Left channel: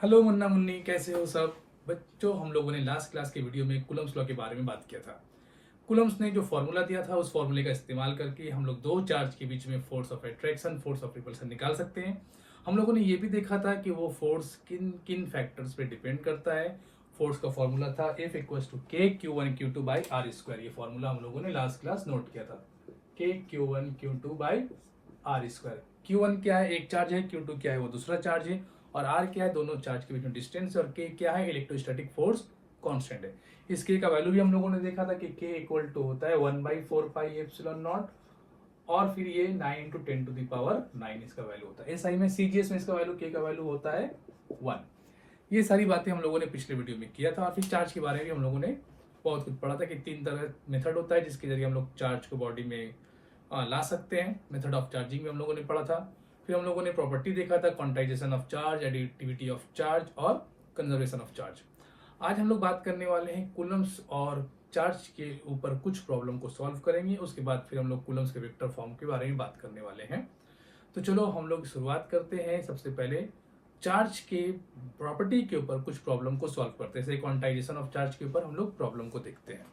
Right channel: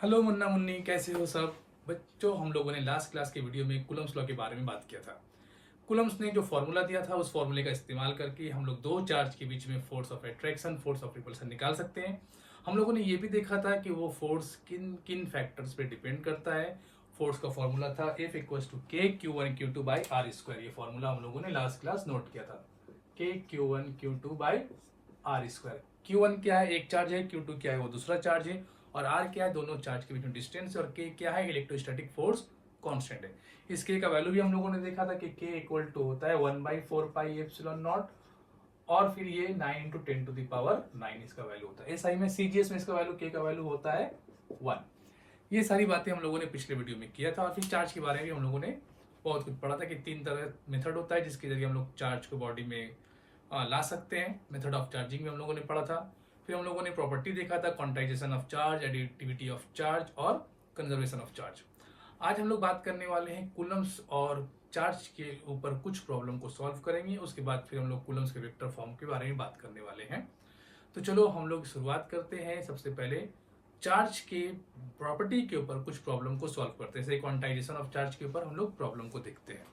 Hello Munna Munni, कैसे हो सब बच्चों। हम लोगों ने लास्ट क्लास के वीडियो में कूलम्स लॉ के बारे में बात किया था। कूलम्स ने जो फॉर्मूला दिया था उस फॉर्मूले का इस्तेमाल करके हम लोग दो चार्ज के बीच में force of attraction, force of repulsion निकाल सकते हैं। हम लोगों ने ये भी देखा था कि वो फोर्स किन किन फैक्टर्स पे डिपेंड करता है। फोर्स का फॉर्मूला था F equals to K q one q two by r square. ये फॉर्मूला हम लोगों ने लास्ट क्लास नोट किया था। K q one q two by r square. Q one क्या है, एक चार्ज है। क्यू टू क्या है, वो दूसरा चार्ज है। और आर क्या है, दोनों चार्ज के बीच में डिस्टेंस। और के क्या है, इलेक्ट्रोस्टैटिक फोर्स कांस्टेंट है। इस के का वैल्यू भी हम लोगों ने देखा था कि के इक्वल टू होता है 1/4 पाई एप्सिलॉन नॉट। और फिर ये 9 इंटू 10⁻⁹ इसका वैल्यू होता है। एसआई में सीजीएस में इसका वैल्यू के का वैल्यू होता है 1। ये सारी बातें हम लोगों ने पिछले वीडियो में किया था। और फिर चार्ज के बारे में हम लोगों ने बहुत कुछ पढ़ा था कि तीन तरह मेथड होता है जिसके जरिए हम लोग चार्ज को बॉडी में ला सकते हैं। मेथड ऑफ चार्जिंग में हम लोगों ने पढ़ा था। फिर हम लोगों ने प्रॉपर्टी देखा था, quantization of charge, additivity of charge और कंजर्वेशन ऑफ चार्ज। आज हम लोग बात करने वाले हैं कूलम्स और चार्ज के ऊपर कुछ प्रॉब्लम को सॉल्व करेंगे। उसके बाद फिर हम लोग कूलम्स के वेक्टर फॉर्म के बारे में बात करने वाले हैं। तो चलो हम लोग शुरुआत करते हैं। सबसे पहले चार्ज के प्रॉपर्टी के ऊपर कुछ प्रॉब्लम को सॉल्व करते हैं। जैसे क्वांटाइजेशन ऑफ चार्ज के ऊपर हम लोग प्रॉब्लम को देखते हैं।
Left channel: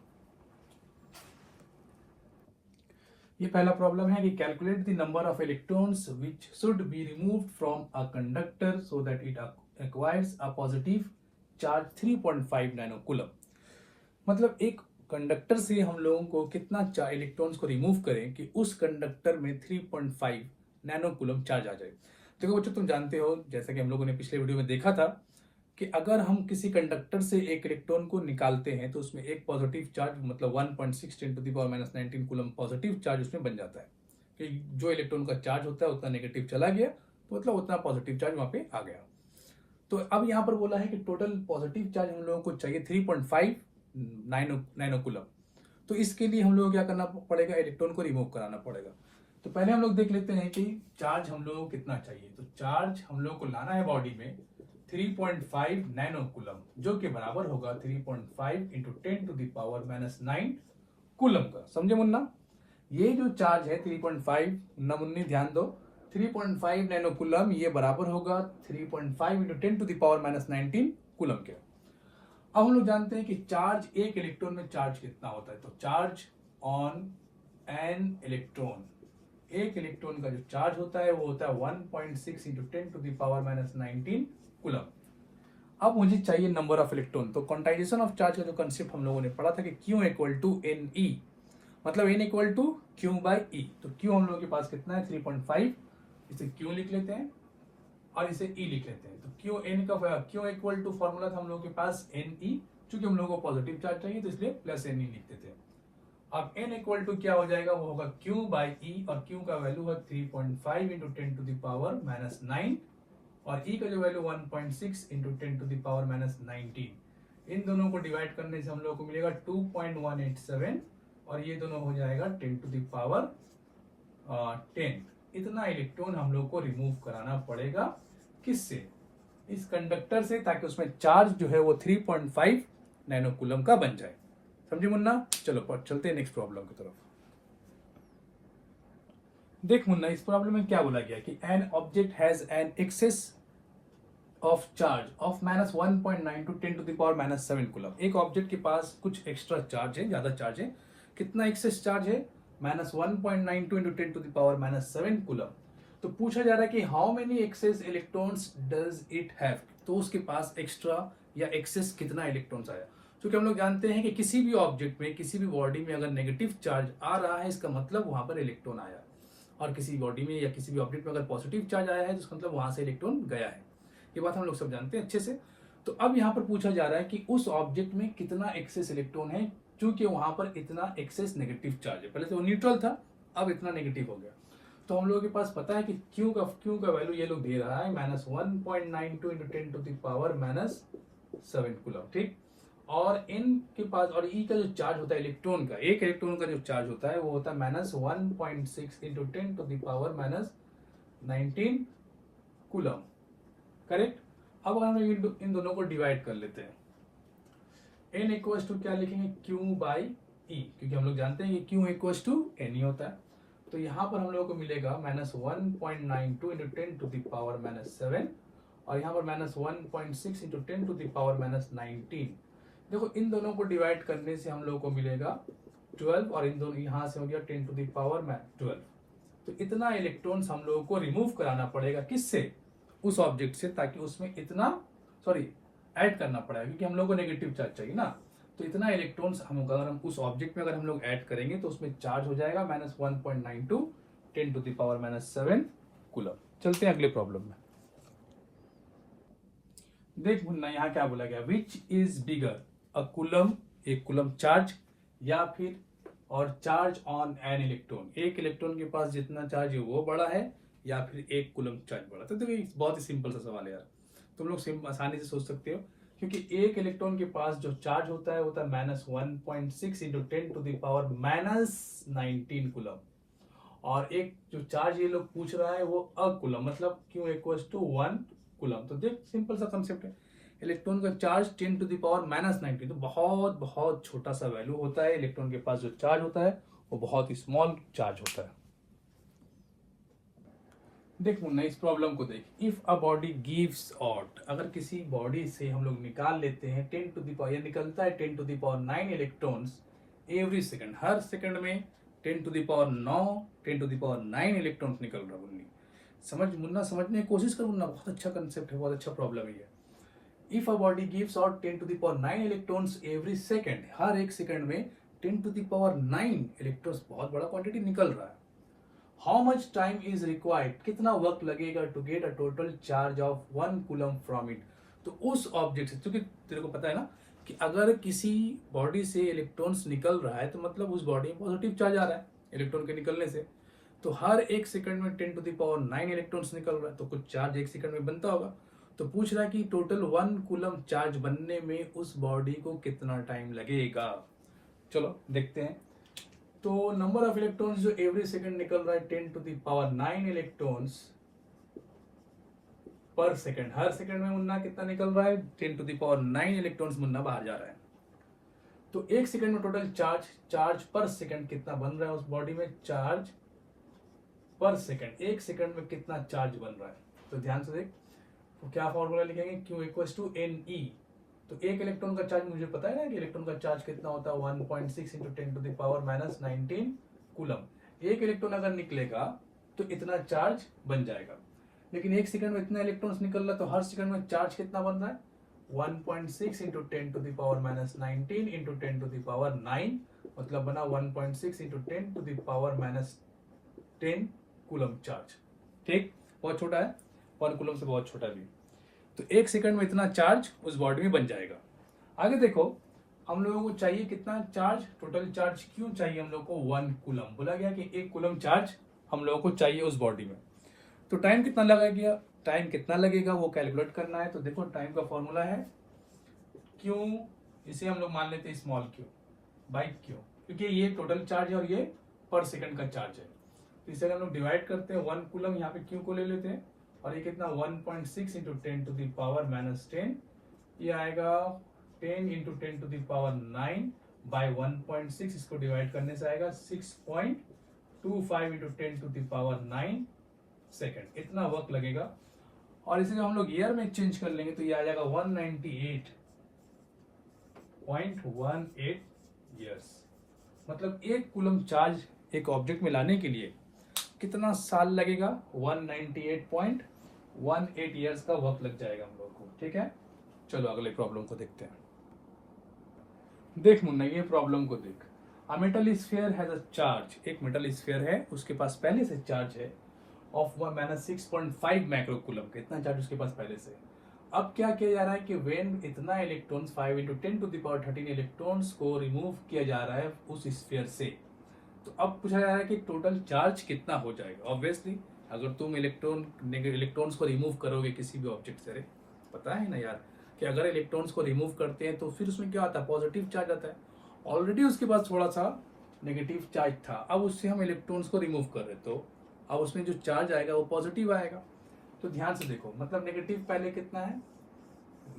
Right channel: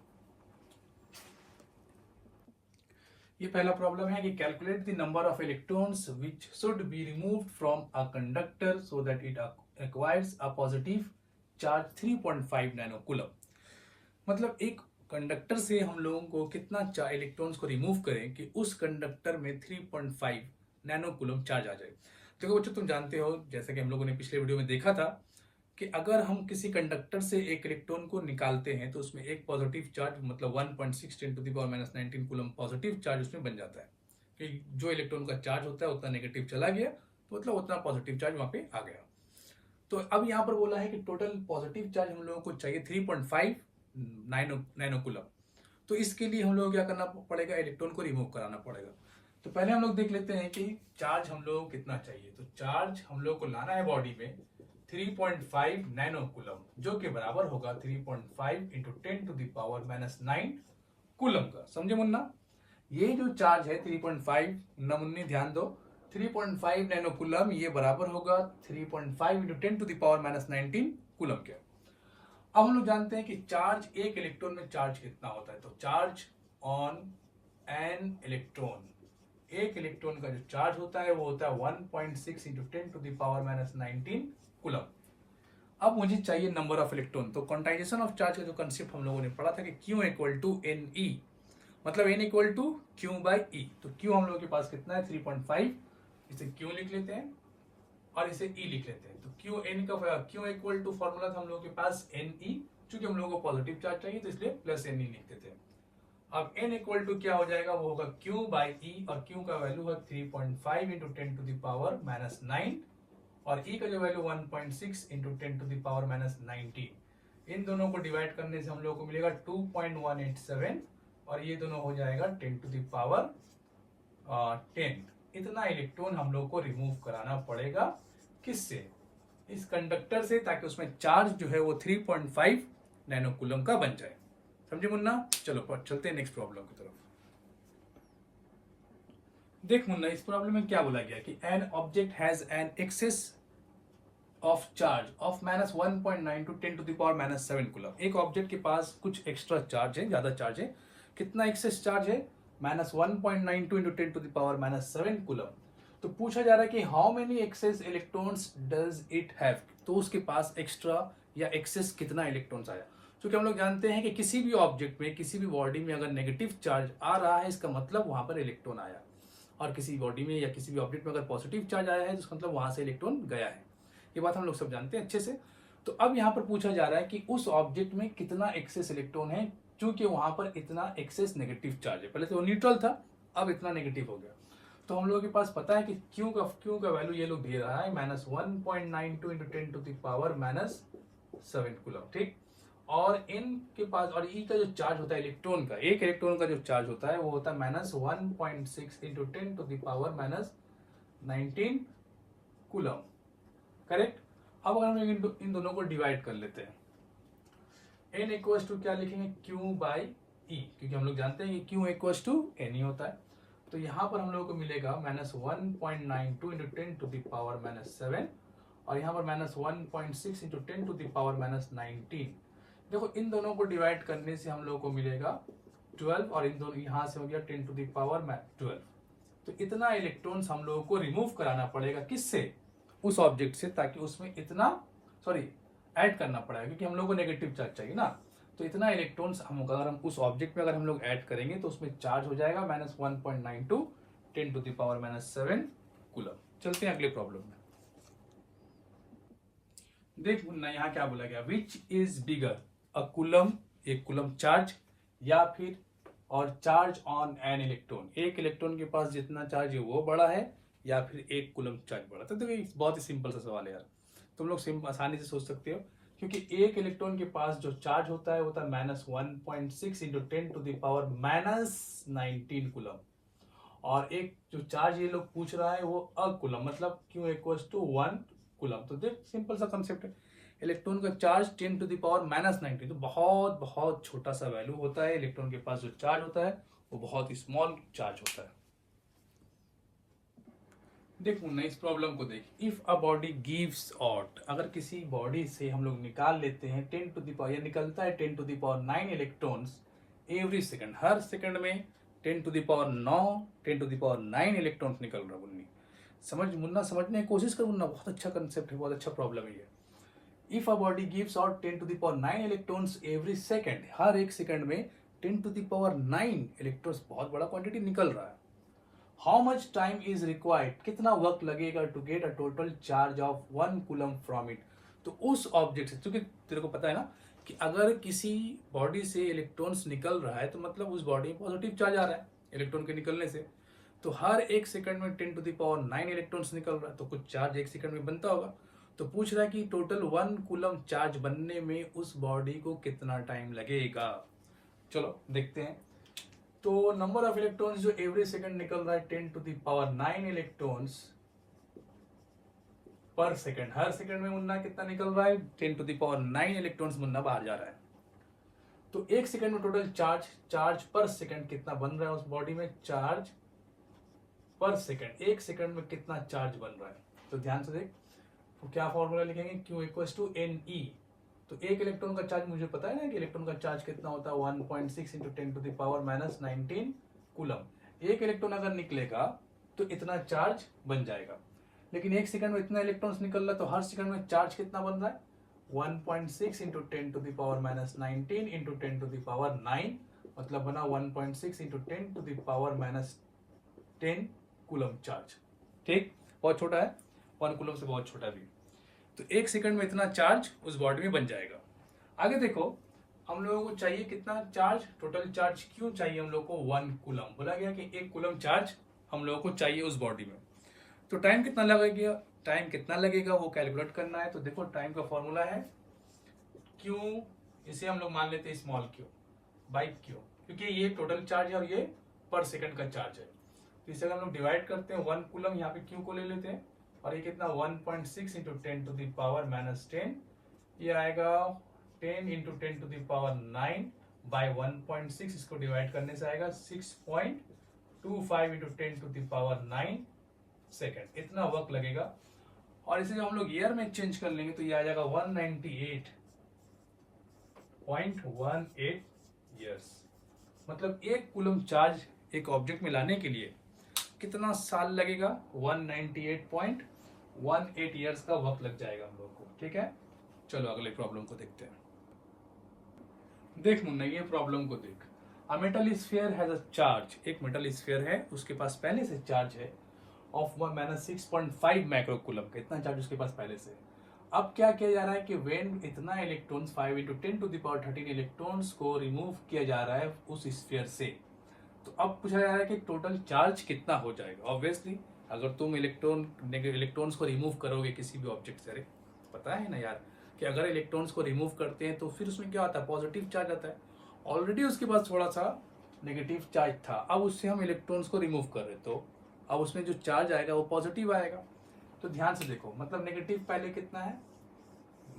ये पहला प्रॉब्लम है कि calculate the number of electrons which should be removed from a conductor so that it acquires a positive charge 3.5 nano coulomb. मतलब एक कंडक्टर से हम लोगों को कितना इलेक्ट्रॉन्स को रिमूव करें कि उस कंडक्टर में 3.5 नैनो कूलम चार्ज आ जाए। देखो बच्चों, तुम जानते हो जैसा कि हम लोगों ने पिछले वीडियो में देखा था कि अगर हम किसी कंडक्टर से एक इलेक्ट्रॉन को निकालते हैं तो उसमें एक पॉजिटिव चार्ज मतलब 1.6 × 10⁻⁹ कूलम पॉजिटिव चार्ज उसमें बन जाता है। कि जो इलेक्ट्रॉन का चार्ज होता है उतना नेगेटिव चला गया, तो मतलब उतना पॉजिटिव चार्ज वहां पे आ गया। तो अब यहाँ पर बोला है कि टोटल पॉजिटिव चार्ज हम लोगों को चाहिए 3.5 नैनो कूलम। तो इसके लिए हम लोगों को क्या करना पड़ेगा, इलेक्ट्रॉन को रिमूव कराना पड़ेगा। तो पहले हम लोग देख लेते हैं कि चार्ज हम लोगों को कितना चाहिए। तो चार्ज हम लोगों को लाना है बॉडी में 3.5 नैनो कूलम, जो कि बराबर होगा 3.5 इंटू 10⁻⁹ कूलम का। समझे मुन्ना? ये जो चार्ज है 3.5, मुन्ना मुन्नी ध्यान दो, 3.5 नैनो कूलम ये बराबर होगा 3.5 इंटू 10⁻⁹ कूलम के। अब हम लोग जानते हैं कि चार्ज एक इलेक्ट्रॉन में चार्ज कितना होता है। तो चार्ज ऑन एन इलेक्ट्रॉन, एक इलेक्ट्रॉन का जो चार्ज होता है वो होता है 1.6 इंटू 10⁻⁹ कूलम। अब मुझे चाहिए नंबर ऑफ इलेक्ट्रॉन। तो क्वांटाइजेशन ऑफ चार्ज का जो कंसेप्ट हम लोगों ने पढ़ा था कि Q equal to N E, मतलब N equal to Q by E. तो Q हम लोगों के पास कितना है 3.5, इसे Q लिख लेते हैं और इसे E लिख लेते हैं। तो Q इक्वल टू फॉर्मूला था हम लोगों के पास एन ई, चूंकि हम लोगों को पॉजिटिव चार्ज चाहिए तो इसलिए प्लस एन ई लिखते थे। अब n इक्वल टू क्या हो जाएगा, वो होगा Q बाई ई, और Q का वैल्यू है 3.5 इंटू 10⁻⁹ और E का जो वैल्यू 1.6 इंटू 10⁻⁹। इन दोनों को डिवाइड करने से हम लोग को मिलेगा 2.187 और ये दोनों हो जाएगा 10⁻10। इतना इलेक्ट्रॉन हम लोग को रिमूव कराना पड़ेगा। किससे? इस कंडक्टर से, ताकि उसमें चार्ज जो है वो 3.5 नैनो कूलम का बन जाए। समझे मुन्ना? चलो चलते हैं नेक्स्ट प्रॉब्लम की तरफ। देख मुन्ना, इस प्रॉब्लम में क्या बोला गया कि an object has an excess of charge of -1.9 to 10⁻⁷ coulomb. एक ऑब्जेक्ट के पास कुछ एक्स्ट्रा चार्ज है, ज्यादा चार्ज है। कितना एक्सेस चार्ज है? -1.92 इंटू 10⁻⁷ कूलम। तो पूछा जा रहा है कि how many excess electrons does it have. तो उसके पास एक्स्ट्रा या एक्सेस कितना इलेक्ट्रॉन्स आया। क्योंकि हम लोग जानते हैं कि किसी भी ऑब्जेक्ट में, किसी भी बॉडी में अगर नेगेटिव चार्ज आ रहा है इसका मतलब वहां पर इलेक्ट्रॉन आया, और किसी बॉडी में या किसी भी ऑब्जेक्ट में अगर पॉजिटिव चार्ज आया है तो मतलब वहां से इलेक्ट्रॉन गया है। ये बात हम लोग सब जानते हैं अच्छे से। तो अब यहाँ पर पूछा जा रहा है कि उस ऑब्जेक्ट में कितना एक्सेस इलेक्ट्रॉन है, क्योंकि वहां पर इतना एक्सेस नेगेटिव चार्ज है। पहले तो न्यूट्रल था, अब इतना नेगेटिव हो गया। तो हम लोगों के पास पता है कि Q का वैल्यू ये लोग दे रहा है -1.92 इंटू 10⁻⁷ कूलम, ठीक। और N के पास, और E का जो चार्ज होता है इलेक्ट्रॉन का, एक इलेक्ट्रॉन का जो चार्ज होता है वो होता है -1.6 इंटू 10⁻⁹ कूलम, करेक्ट। अब अगर हम इन दोनों को डिवाइड कर लेते हैं, N इक्वल्स टू क्या लिखेंगे, Q बाई ई, क्योंकि हम लोग जानते हैं कि Q इक्वल्स टू N ही होता है। तो यहाँ पर हम लोगों को मिलेगा -1.92 इंटू 10⁻⁷ और यहाँ पर -1.6 इंटू 10 टू द पावर -19। देखो इन दोनों को डिवाइड करने से हम लोग को मिलेगा 12 और इन दोनों यहाँ से हो गया 10 टू द पावर 12। तो इतना इलेक्ट्रॉन्स हम लोगों को रिमूव कराना पड़ेगा, किससे? उस ऑब्जेक्ट से, ताकि उसमें इतना ऐड करना पड़ेगा, क्योंकि हम लोग को नेगेटिव चार्ज चाहिए ना। तो इतना इलेक्ट्रॉन्स अगर हम उस ऑब्जेक्ट में अगर हम लोग ऐड करेंगे तो उसमें चार्ज हो जाएगा -1.92 10 टू द पावर -7 कूलम। चलते हैं अगले प्रॉब्लम में। देख मुन्ना, यहाँ क्या बोला गया, which is bigger, a coulomb, एक कूलम चार्ज, या फिर और चार्ज ऑन एन इलेक्ट्रॉन, एक इलेक्ट्रॉन के पास जितना चार्ज है वो बड़ा है या फिर एक कूलम चार्ज बड़ा। तो देखिए बहुत ही सिंपल सा सवाल है यार, तुम लोग आसानी से सोच सकते हो, क्योंकि एक इलेक्ट्रॉन के पास जो चार्ज होता है वो होता है -1.6 into 10 to the power -19 coulomb, और एक जो चार्ज ये लोग पूछ रहा है वो कूलम, मतलब Q इक्वल्स टू 1 कूलम। तो देख सिंपल सा कंसेप्ट है, इलेक्ट्रॉन का चार्ज 10 टू द पावर -19, तो बहुत बहुत छोटा सा वैल्यू होता है। इलेक्ट्रॉन के पास जो चार्ज होता है वो बहुत ही स्मॉल चार्ज होता है। देख मुन्ना, इस प्रॉब्लम को देख, if a body gives out, अगर किसी बॉडी से हम लोग निकाल लेते हैं 10 टू द पावर, या निकलता है 10 to the power 9 electrons every second, हर सेकंड में 10 to the power 9 10 to the power 9 electrons निकल रहा है। समझ मुन्ना, समझने की कोशिश कर मुन्ना, बहुत अच्छा कंसेप्ट है, बहुत अच्छा प्रॉब्लम है। If a body gives out 10 to the power 9 electrons every second, हर एक सेकंड में 10 टू द पावर 9 इलेक्ट्रॉन्स, बहुत बड़ा क्वांटिटी निकल रहा है। How much time is required, कितना वक्त लगेगा to get a total charge of 1 coulomb from it. तो उस ऑब्जेक्ट से, क्योंकि तेरे को पता है ना कि अगर किसी बॉडी से इलेक्ट्रॉन्स निकल रहा है तो मतलब उस बॉडी में पॉजिटिव चार्ज आ रहा है इलेक्ट्रॉन के निकलने से। तो हर एक सेकंड में 10 टू द पावर 9 इलेक्ट्रॉन्स निकल रहा है, तो कुछ चार्ज एक सेकंड में बनता होगा। तो पूछ रहा है कि टोटल 1 कूलम चार्ज बनने में उस बॉडी को कितना टाइम लगेगा। चलो देखते हैं। तो नंबर ऑफ इलेक्ट्रॉन्स जो एवरी सेकंड निकल रहा है 10 to the power 9 electrons per second, हर सेकंड में मुन्ना कितना निकल रहा है, 10 टू द पावर 9 इलेक्ट्रॉन्स मुन्ना बाहर जा रहा है। तो एक सेकंड में टोटल चार्ज पर सेकंड कितना बन रहा है उस बॉडी में, चार्ज पर सेकंड, एक सेकंड में कितना चार्ज बन रहा है। तो ध्यान से देख, तो क्या फॉर्मूला लिखेंगे, Q इक्वल्स टू Ne। तो एक इलेक्ट्रॉन का चार्ज मुझे पता है ना कि इलेक्ट्रॉन का चार्ज कितना होता है, 1.6 into 10 to the power -19 coulomb. एक इलेक्ट्रॉन अगर निकलेगा तो इतना चार्ज बन जाएगा, लेकिन एक सेकंड में इतना इलेक्ट्रॉन्स निकल रहा है, तो हर सेकंड में चार्ज कितना बन रहा है, 1.6 into 10 to the power -19 into 10 to the power 9, मतलब बना 1.6 into 10 to the power -10 coulomb charge. ठीक, बहुत छोटा है, 1 कूलम से बहुत छोटा भी। तो एक सेकंड में इतना चार्ज उस बॉडी में बन जाएगा। आगे देखो, हम लोगों को चाहिए कितना चार्ज, टोटल चार्ज क्यों चाहिए हम लोग को, 1 कूलम। बोला गया कि 1 कूलम चार्ज हम लोगों को चाहिए उस बॉडी में। तो टाइम कितना लगेगा वो कैलकुलेट करना है। तो देखो टाइम का फॉर्मूला है क्यू, इसे हम लोग मान लेते हैं स्मॉल क्यू बाई क्यू, क्योंकि ये टोटल चार्ज है और ये पर सेकंड का चार्ज है। तो इसे हम लोग डिवाइड करते हैं, 1 कूलम यहाँ पे क्यू को ले लेते हैं, और ये कितना 1.6 इंटू 10 टू द पावर -10, ये आएगा 10 into 10 to the power 9 by 1.6, इसको डिवाइड करने से आएगा 6.25 into 10 to the power 9 second, इतना वक्त लगेगा। और इसे जब हम लोग ईयर में चेंज कर लेंगे तो ये आ जाएगा 198.18 ईयर्स। मतलब 1 कूलम चार्ज एक ऑब्जेक्ट में लाने के लिए कितना साल लगेगा, 198.18 ईयर्स का वक्त लग जाएगा हम लोग को। ठीक है, चलो अगले प्रॉब्लम को देखते हैं। देख मुन्ना, ये प्रॉब्लम को देख, a metal sphere has a charge, एक मेटल स्फीयर है, उसके पास पहले से चार्ज है ऑफ -6.5 माइक्रो कूलम का, इतना चार्ज उसके पास पहले से। अब क्या किया जा रहा है कि वेन इतना electrons 5 into 10 to the power 13 electrons को रिमूव किया जा रहा है उस स्फीयर से, तो अब पूछा जा रहा है कि टोटल चार्ज कितना हो जाएगा। ऑब्वियसली अगर तुम इलेक्ट्रॉन्स को रिमूव करोगे किसी भी ऑब्जेक्ट से, पता है ना यार कि अगर इलेक्ट्रॉन्स को रिमूव करते हैं तो फिर उसमें क्या आता है, पॉजिटिव चार्ज आता है। ऑलरेडी उसके पास थोड़ा सा नेगेटिव चार्ज था, अब उससे हम इलेक्ट्रॉन्स को रिमूव कर रहे, तो अब उसमें जो चार्ज आएगा वो पॉजिटिव आएगा। तो ध्यान से देखो, मतलब नेगेटिव पहले कितना है,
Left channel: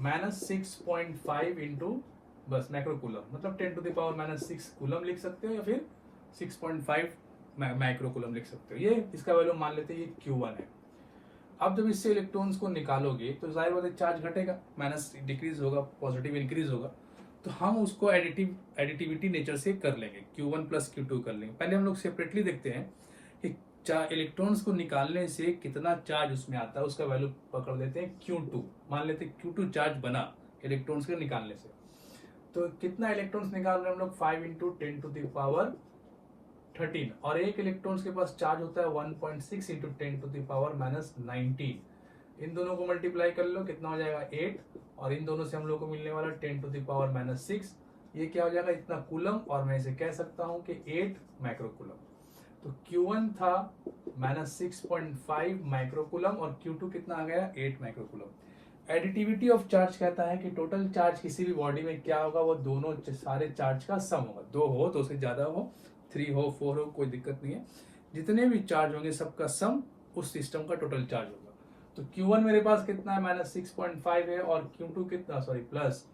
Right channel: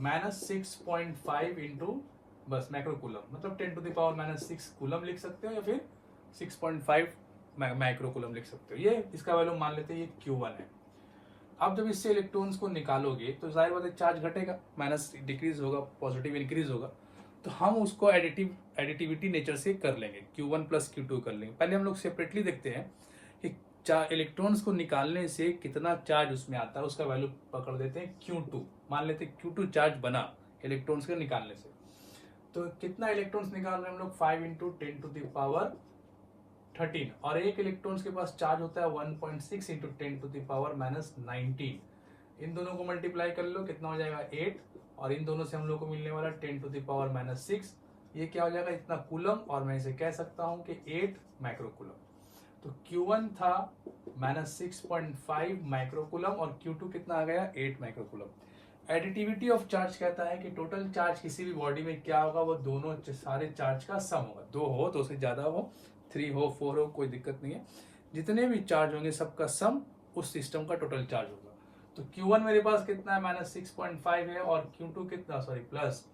-6.5 इंटू बस माइक्रो कूलम, मतलब 10 टू द पावर -6 कूलम लिख सकते हो, या फिर 6.5 माइक्रो कूलम लिख सकते हो। ये इसका वैल्यू मान लेते हैं ये Q1 है। अब जब इससे इलेक्ट्रॉन्स को निकालोगे तो जाहिर बात है चार्ज घटेगा, माइनस डिक्रीज होगा, पॉजिटिव इंक्रीज होगा। तो हम उसको एडिटिविटी नेचर से कर लेंगे, Q1 प्लस Q2 कर लेंगे। पहले हम लोग सेपरेटली देखते हैं कि इलेक्ट्रॉन्स को निकालने से कितना चार्ज उसमें आता है, उसका वैल्यू पकड़ देते हैं Q2। मान लेते हैं Q2 चार्ज बना इलेक्ट्रॉन्स के निकालने से। तो कितना इलेक्ट्रॉन्स निकाल रहे हैं हम लोग, 5 इंटू 10 टू द पावर 13, और एक इलेक्ट्रॉन्स के पास चार्ज होता है 1.6 into 10 to the power minus 19। इन दोनों को मल्टीप्लाई कर लो, कितना हो जाएगा 8, और इन दोनों से हम लोग को मिलने वाला 10 टू द पावर माइनस 6। ये क्या हो जाएगा, इतना कूलम, और मैं इसे कह सकता हूं कि 8 माइक्रोकूलम। तो Q1 था माइनस 6.5 माइक्रोकूलम और Q2 कितना आ गया, 8 माइक्रोकूलम। एडिटिविटी ऑफ चार्ज कहता है कि टोटल चार्ज किसी भी बॉडी में क्या होगा, वो दोनों सारे चार्ज का सम होगा। 2 हो, 2 से ज्यादा हो, 3 हो, 4 हो, कोई दिक्कत नहीं है। जितने भी चार्ज होंगे सबका सम उस सिस्टम का टोटल चार्ज होगा। तो Q1 मेरे पास कितना है, माइनस 6.5 है, और Q2 कितना, सॉरी प्लस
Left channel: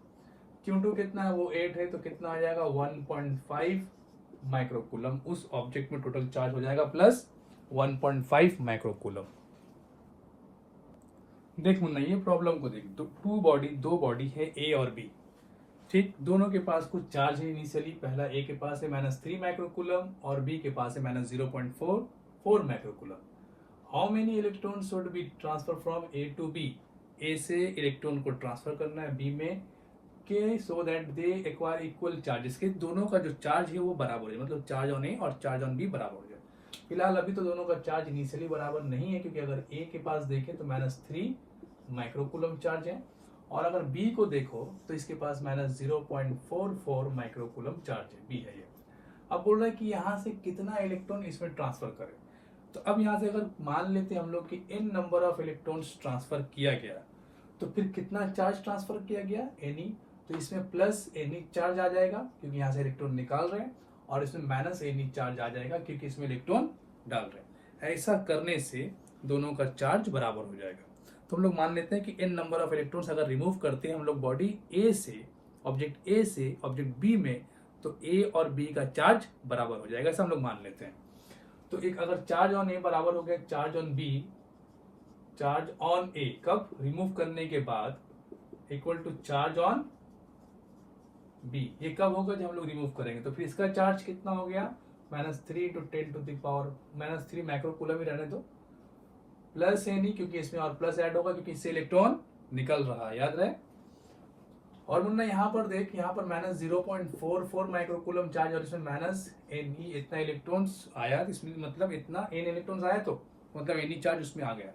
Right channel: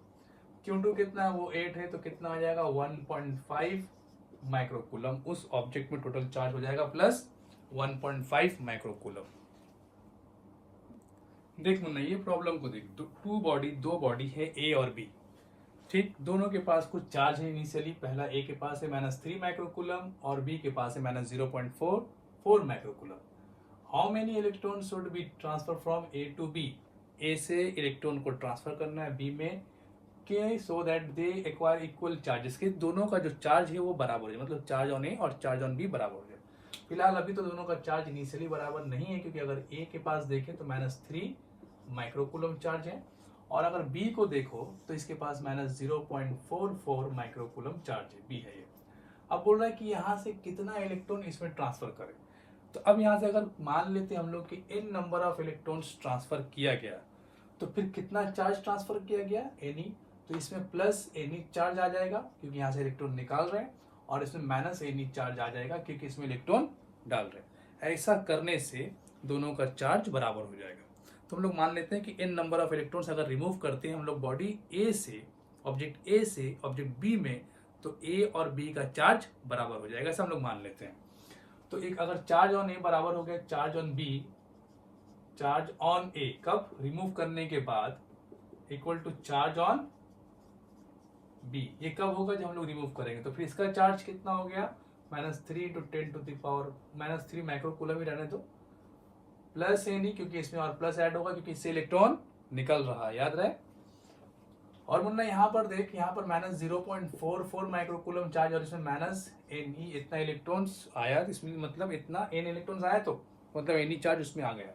Q2 कितना है, वो 8 है। तो कितना आ जाएगा, 1.5 माइक्रोकूलम उस ऑब्जेक्ट में टोटल चार्ज हो जाएगा, प्लस 1.5 माइक्रोकूलम। देख मुन्ना, ये प्रॉब्लम को देख, दो बॉडी है ए और बी, ठीक। दोनों के पास कुछ चार्ज है इनिशियली। पहला ए के पास है माइनस 3 माइक्रोकूलम और बी के पास है minus 0.44 microcoulomb. How many electron should be transfer from A to B. A से इलेक्ट्रॉन को ट्रांसफर करना है बी में, के so that they acquire equal charges, के दोनों का जो चार्ज है वो बराबर है, मतलब चार्ज ऑन ए और चार्ज ऑन बी बराबर हो जाए। फिलहाल अभी तो दोनों का चार्ज इनिशियली बराबर नहीं है, क्योंकि अगर ए के पास देखें तो माइनस 3 माइक्रोकूलम चार्ज है, और अगर बी को देखो तो इसके पास माइनस 0.44 माइक्रोकूलम चार्ज है, बी है ये। अब बोल रहा है कि यहाँ से कितना इलेक्ट्रॉन इसमें ट्रांसफर करे। तो अब यहाँ से अगर मान लेते हैं हम लोग कि n number of electrons transfer किया गया, तो फिर कितना चार्ज ट्रांसफर किया गया, Ni। तो इसमें प्लस Ni चार्ज आ जाएगा क्योंकि यहाँ से इलेक्ट्रॉन निकाल रहे हैं, और इसमें माइनस Ni चार्ज आ जाएगा क्योंकि इसमें इलेक्ट्रॉन डाल रहे हैं। ऐसा करने से दोनों का चार्ज बराबर हो जाएगा। तो हम लोग मान लेते हैं कि n नंबर ऑफ इलेक्ट्रॉन्स अगर रिमूव करते हैं हम लोग बॉडी ए से, ऑब्जेक्ट ए से ऑब्जेक्ट बी में, तो ए और बी का चार्ज बराबर हो जाएगा, ऐसा हम लोग मान लेते हैं। तो एक अगर चार्ज ऑन ए बराबर हो गया charge on B, charge on A कब, रिमूव करने के बाद, equal to charge on B, ये कब होगा, जब हम लोग रिमूव करेंगे। तो फिर इसका चार्ज कितना हो गया, minus 3 into 10 to the power minus 3 microcoulomb ही रहने दो, प्लस है नहीं क्योंकि इसमें और प्लस ऐड होगा क्योंकि इससे इलेक्ट्रॉन निकल रहा है, याद रहे। और मुन्ना यहाँ पर देख, यहाँ पर माइनस 0.44 माइक्रोकूलम चार्ज और इसमें माइनस एन ई, इतना इलेक्ट्रॉन्स आया, इसमें मतलब इतना एन इलेक्ट्रॉन्स आया, तो मतलब एन ई चार्ज उसमें आ गया।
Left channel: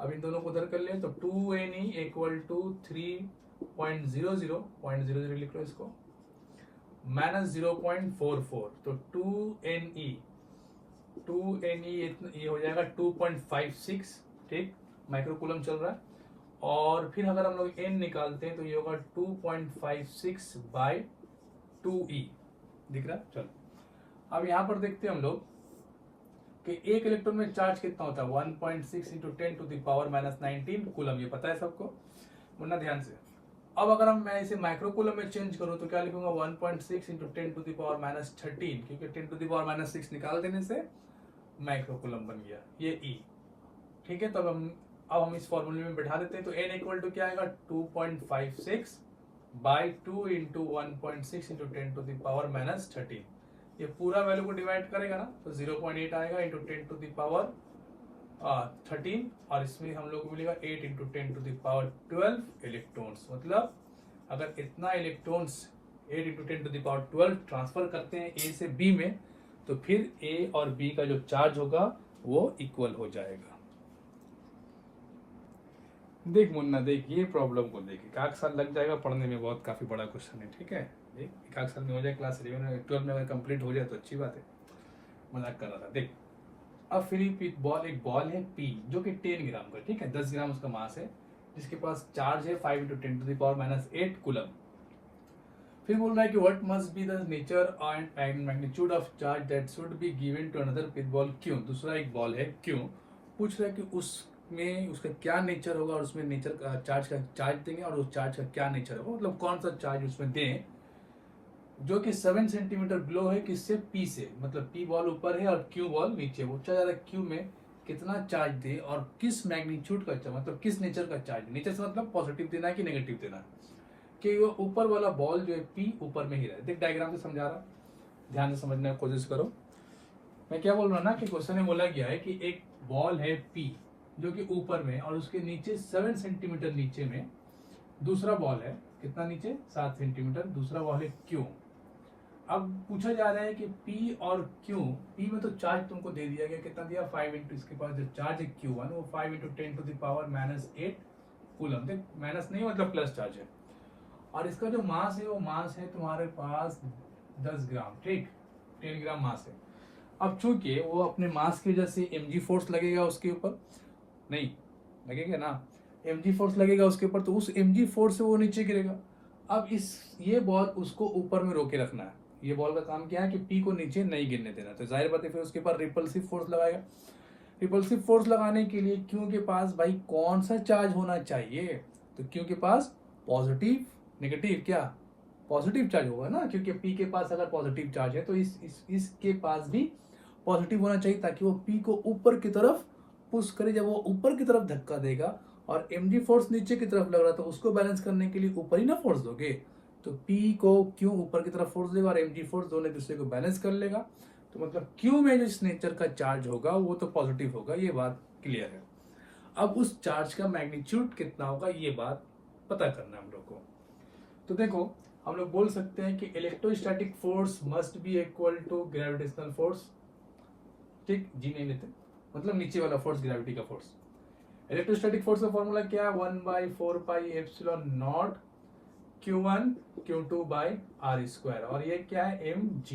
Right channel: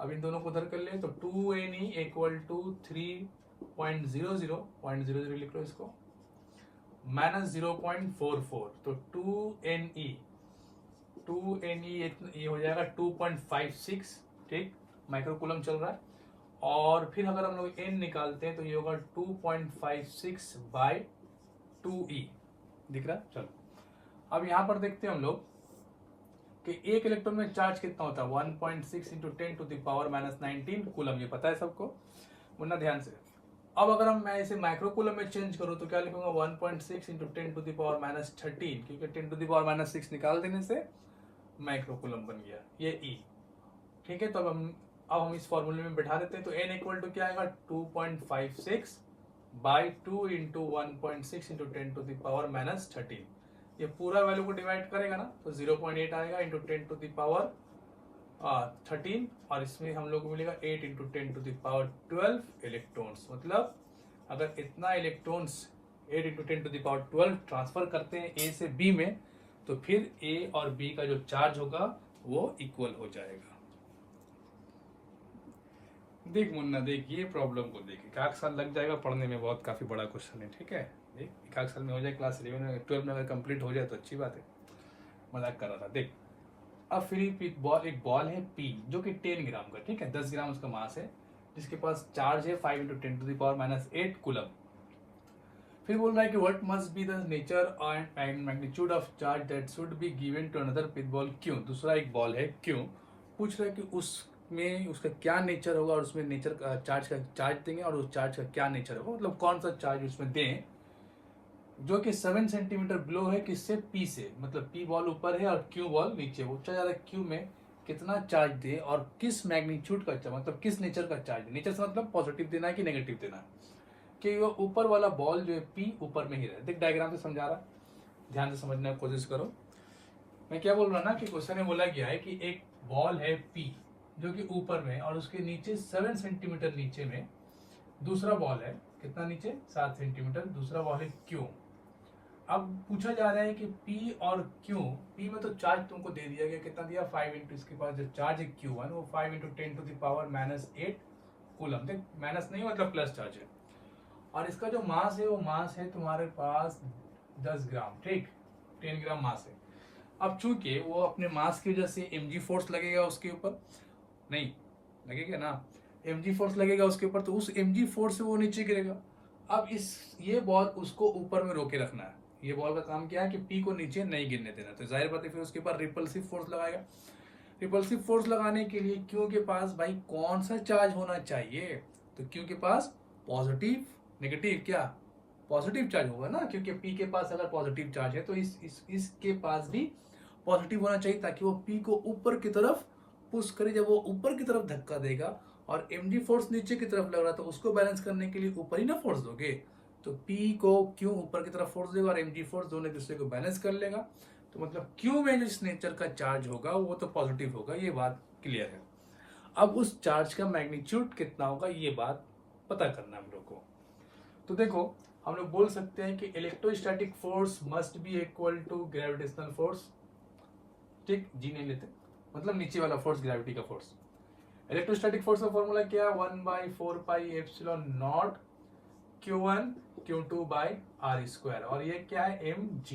अब इन दोनों को उधर कर लें तो 2Ne इक्वल टू 3.00 लिख लो इसको, माइनस 0.44, तो 2Ne ये हो जाएगा 2.56, ठीक, माइक्रोकूलम चल रहा है। और फिर अगर हम लोग n निकालते हैं तो ये होगा 2.56 बाय 2e, दिख रहा है। चलो अब यहाँ पर देखते हैं हम लोग कि एक इलेक्ट्रॉन में चार्ज कितना होता है, 1.6 into 10 to the power minus 19 coulomb, ये पता है सबको, मुन्ना ध्यान से। अब अगर मैं इसे माइक्रोकूलम में चेंज करूं तो क्या लिखूंगा, 1.6 into 10 to the power minus 13, क्योंकि 10 टू द पावर माइनस 6 निकाल देने से माइक्रोकूलम बन गया, ये e, ठीक है। तो अब हम इस फॉर्मूले में बैठा देते हैं। तो n इक्वल टू क्या आएगा, 2.56 by 2 into 1.6 into 10 to the power minus 13, ये पूरा वैल्यू को डिवाइड करेगा ना तो 0.8 आएगा इंटू 10 टू द पावर 13, और इसमें हम लोग को मिलेगा 8 into 10 to the power 12 electrons. मतलब अगर इतना electrons 8 into 10 to the power 12 transfer करते हैं ए से बी में, तो फिर ए और बी का जो चार्ज होगा वो इक्वल हो जाएगा। देख मुन्ना देख, ये प्रॉब्लम को देख, एक आध साल लग जाएगा पढ़ने में, बहुत काफी बड़ा क्वेश्चन है, ठीक है। देख एक आध साल में हो जाए, क्लास 11 में 12 में अगर कंप्लीट हो जाए तो अच्छी बात है, मजाक कर रहा था। देख अब फ्री पिक बॉल, एक बॉल है पी जो कि 10 ग्राम का, ठीक है, 10 ग्राम उसका मास है, जिसके पास चार्ज है 5 into 10 to the power minus 8 coulomb. फिर बोल रहा है कि what must be the nature and magnitude of charge that should be given to another pith ball क्यों। दूसरा एक बॉल है क्यों, पूछ रहा है कि उसमें उसका क्या नेचर होगा, और उसमें नेचर का चार्ज देंगे और उस चार्ज का क्या नेचर होगा, मतलब कौन सा चार्ज उसमें दें जो कि 7 सेंटीमीटर बिलो है किससे, पी से, मतलब पी बॉल ऊपर है और क्यू बॉल नीचे, वो ज्यादा क्यू में कितना चार्ज दे और किस मैग्नीट्यूड का चार्ज, मतलब किस नेचर का चार्ज। नेचर से मतलब पॉजिटिव देना है कि नेगेटिव देना है, कि वो ऊपर वाला बॉल जो है पी ऊपर में ही रहे। देख डायग्राम से समझा रहा, ध्यान से समझने की कोशिश करो। मैं क्या बोल रहा ना कि क्वेश्चन में बोला गया है कि एक बॉल है पी जो कि ऊपर में, और उसके नीचे 7 सेंटीमीटर नीचे में दूसरा बॉल है। कितना नीचे? 7 सेंटीमीटर। दूसरा बॉल है क्यू। अब पूछा जा रहा है कि P और Q, P में तो चार्ज तुमको दे दिया गया, कितना दिया? 5 इंटू, इसके पास जो चार्ज है Q1 वो 5 into 10 to the power -8 coulomb. देख माइनस नहीं मतलब प्लस चार्ज है। और इसका जो मास है वो मास है तुम्हारे पास 10 ग्राम, ठीक, 10 ग्राम मास है। अब चूंकि वो अपने मास की वजह से mg फोर्स लगेगा उसके ऊपर, नहीं लगेगा ना, mg फोर्स लगेगा उसके ऊपर, तो उस mg फोर्स से वो नीचे गिरेगा। अब ये बॉल उसको ऊपर में रोके रखना है। ये बॉल का काम क्या है कि पी को नीचे नहीं गिरने देना। तो जाहिर बात है फिर उसके ऊपर रिपल्सिव फोर्स लगाएगा। रिपल्सिव फोर्स लगाने के लिए क्यू के पास भाई कौन सा चार्ज होना चाहिए? तो क्यू के पास पॉजिटिव, नेगेटिव, क्या पॉजिटिव चार्ज होगा ना, क्योंकि पी के पास अगर पॉजिटिव चार्ज है तो इसके पास भी पॉजिटिव होना चाहिए, ताकि वो पी को ऊपर की तरफ पुश करे। जब वो ऊपर की तरफ धक्का देगा और mg फोर्स नीचे की तरफ लग रहा, तो उसको बैलेंस करने के लिए ऊपर ही ना फोर्स दोगे। तो P को Q ऊपर की तरफ फोर्स देगा और mg फोर्स दोनों एक दूसरे को बैलेंस कर लेगा। तो मतलब Q में जो इस नेचर का चार्ज होगा वो तो पॉजिटिव होगा, ये बात क्लियर है। अब उस चार्ज का मैग्नीट्यूड कितना होगा ये बात पता करना हम लोग को। तो देखो हम लोग बोल सकते हैं कि electrostatic force must be equal to gravitational force, ठीक, जी नहीं लेते, मतलब नीचे वाला फोर्स, ग्रेविटी का फोर्स। इलेक्ट्रोस्टैटिक फोर्स का फॉर्मूला क्या है? 1/4πε0 Q1 Q2 by r square, और ये क्या है? mg।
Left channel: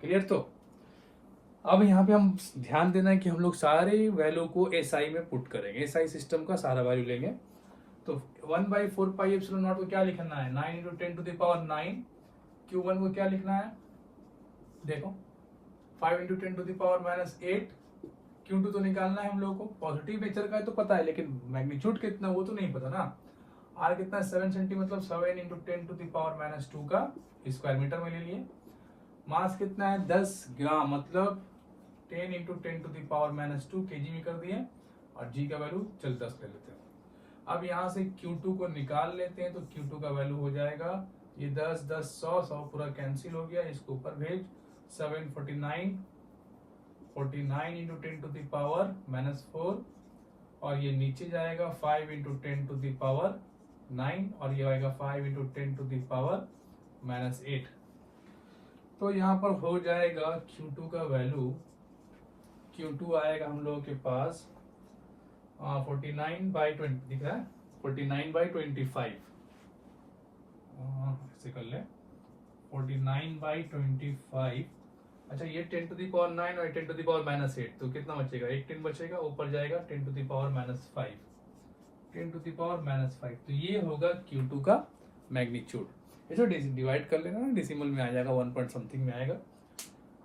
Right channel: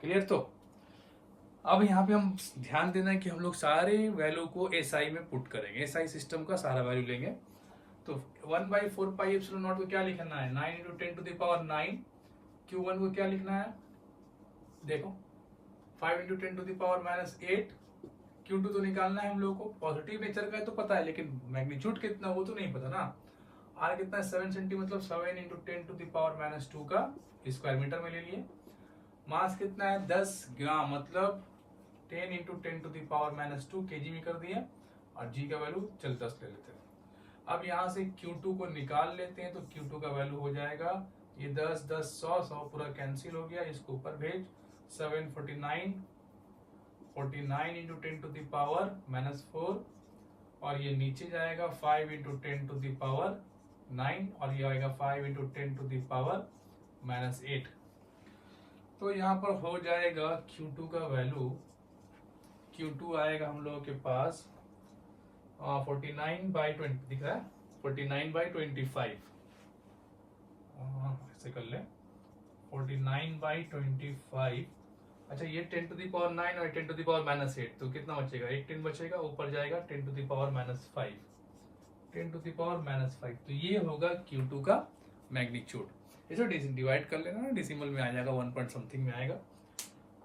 क्लियर? तो अब यहाँ पे हम ध्यान देना है कि हम लोग सारे वैल्यू को SI में पुट करेंगे, SI सिस्टम का सारा वैल्यू लेंगे। तो 1/4πε0 को क्या लिखना है? 9 into 10 to the power 9। Q1 को क्या लिखना है? देखो 5 into 10 to the power -8। Q2 तो निकालना है हम लोगों को, पॉजिटिव नेचर का है तो पता है, लेकिन मैग्नीट्यूड कितना वो तो नहीं पता ना। R कितना है? 7 सेंटी, मतलब 7 इंटू 10 टू द पावर -2 का स्क्वायर मीटर में ले लिए। मास कितना है? 10 ग्राम, मतलब 10 into 10 to the power -2 kg में कर दिए, और G का वैल्यू चल 10 ले लेते हैं। अब यहाँ से Q2 को निकाल लेते हैं, तो Q2 का वैल्यू हो जाएगा ये 10 10 100 पूरा कैंसिल हो गया, इसको ऊपर भेज। 749 49 इंटू 10 टू द पावर -4, और ये नीचे जाएगा 5 इंटू 10 टू द पावर 9, और ये आएगा 5 इंटू 10 टू द पावर -8। तो यहाँ पर हो जाएगा Q2 का वैल्यू, Q2 आएगा हम लोगों के पास 49/20 दिख रहा है, 49/25, ऐसे कर ले 49/25। अच्छा ये 10 टू द पावर 9 और 10 टू द पावर -8, तो कितना बचेगा? एक 10 बचेगा, ऊपर जाएगा 10 to the power -5, 10 to the power -5। तो ये होगा Q2 का मैग्नीट्यूड। इसे डिवाइड कर लेना, डेसिमल में आ जाएगा, 1 पॉइंट समथिंग में आएगा,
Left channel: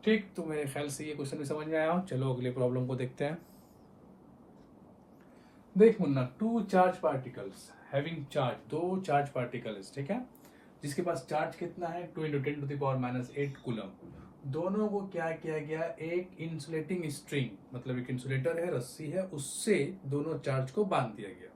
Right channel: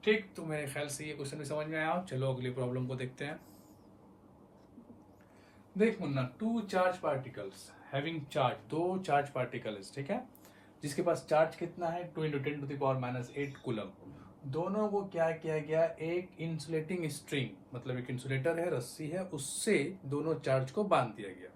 ठीक। तो मेरे ख्याल से ये क्वेश्चन भी समझ में आया। चलो अगले प्रॉब्लम को देखते हैं। देख मुन्ना, 2 charge particles having charge, 2 charge particles, ठीक है, जिसके पास चार्ज कितना है? 2 into 10 to the power -8 coulomb. दोनों को क्या किया गया? एक इंसुलेटिंग स्ट्रिंग, मतलब एक इंसुलेटर है, रस्सी है, उससे दोनों चार्ज को बांध दिया गया,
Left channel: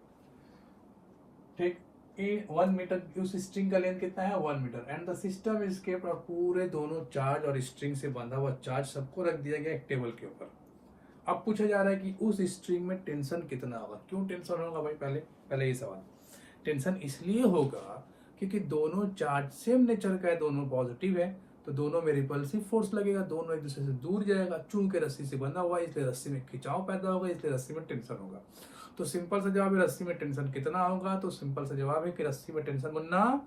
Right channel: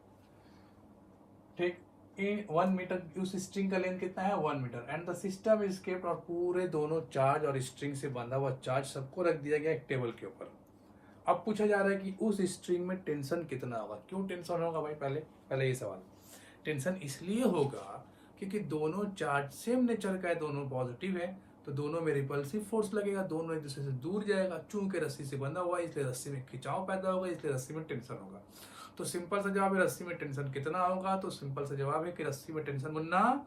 ठीक। 1 मीटर, उस स्ट्रिंग का लेंथ कितना है? 1 metre, and the system is kept, और पूरे दोनों चार्ज और स्ट्रिंग से बंधा हुआ चार्ज सबको रख दिया गया एक टेबल के ऊपर। अब पूछा जा रहा है कि उस स्ट्रिंग में टेंशन कितना होगा। क्यों टेंशन होगा भाई? पहले ये सवाल। टेंशन इसलिए होगा क्योंकि दोनों चार्ज सेम नेचर का है, दोनों पॉजिटिव है, तो दोनों में रिपल्सिव फोर्स लगेगा, दोनों एक दूसरे से दूर जाएगा। चूंकि रस्सी से बंधा हुआ है इसलिए रस्सी में खिंचाव पैदा होगा, इसलिए रस्सी में टेंशन होगा। तो सिंपल सा जवाब है रस्सी में टेंशन कितना होगा? तो सिंपल सा जवाब है कि रस्सी में टेंशन बनना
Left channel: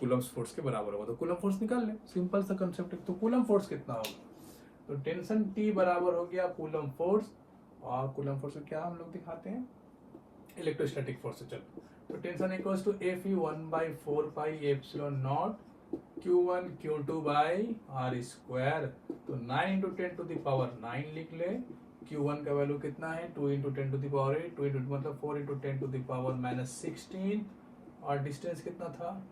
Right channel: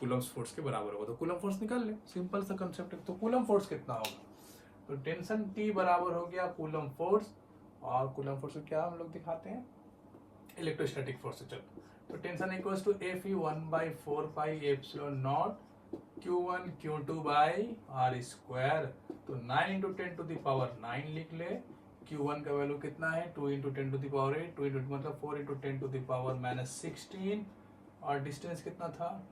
कूलम फोर्स के बराबर होगा। तो कूलम फोर्स निकाल ले, सिंपल सा कंसेप्ट है। तो कूलम फोर्स कितना होगा? तो टेंशन T बराबर हो गया कूलम फोर्स, और कूलम फोर्स को क्या हम लोग दिखाते हैं? इलेक्ट्रोस्टैटिक फोर्स से। चलो तो tension equals to Fe 1/4πε0 Q1 Q2 by r square. तो 9 इंटू 10 टू द पावर 9 लिख ले। Q1 का वैल्यू कितना है? 2 into 10 to the power 8, 2 into मतलब 4 इंटू 10 टू द पावर -16, और डिस्टेंस कितना था?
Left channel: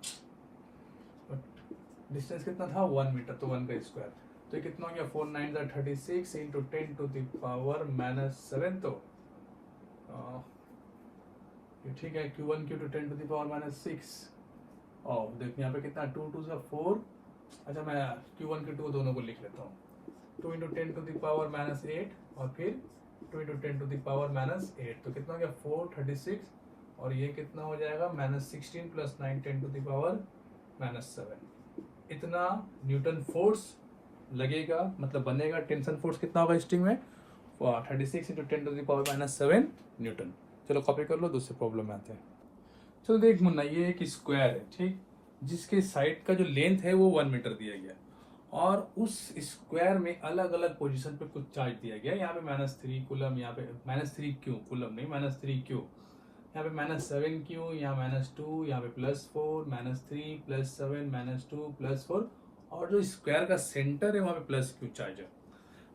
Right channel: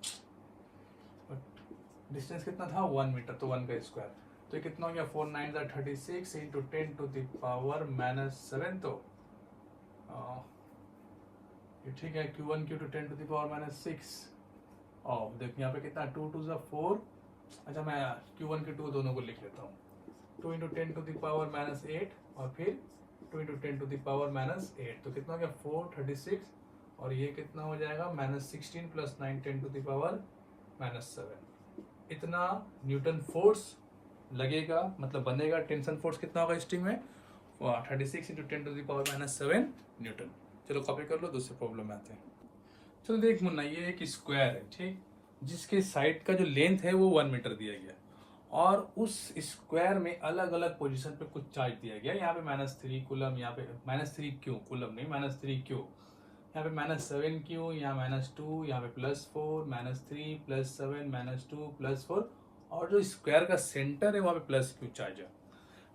1 मीटर, तो 1 का स्क्वायर। तो कितना हो गया 4 9 36 इंटू 10 टू द पावर -7। तो ये ठीक है, Q1 Q2 10 to the power -6। और देखिए यहाँ पे कितना 2 2 4। अच्छा मैं Q1 Q2 दोनों को लिख लेता हूँ। 2 इंटू 10 टू द पावर -8 और फिर 2 इंटू 10 टू द पावर -8। तो कितना हो गया 436 और ये कितना हो जाएगा -16 + 9 10 टू द पावर -7। इतना न्यूटन फोर्स लगेगा, मतलब बनेगा। टेंशन फोर्स कितना होगा स्ट्रिंग में 36 into 10 to the power -7 newton. चलो कॉपी कर लो, दूसरे प्रॉब्लम में आते हैं। चलो देख मुन्ना, ये एक स्क्वायर है ठीक, जिसके साइड का जो लेंथ है वो 1 मीटर दिया गया और उस स्क्वायर में अलग अलग पोजीशन पे कुछ चार्ज दिया गया। यहाँ पे -3 कूलम, यहाँ पे -3 क्यू, कूलम नहीं -3 क्यू, यहाँ पे -7 क्यू, यहाँ -2, यहाँ पे +4, -3 +7 -2 +4 और जो स्क्वायर का सेंटर है वहाँ पे +q चार्ज है।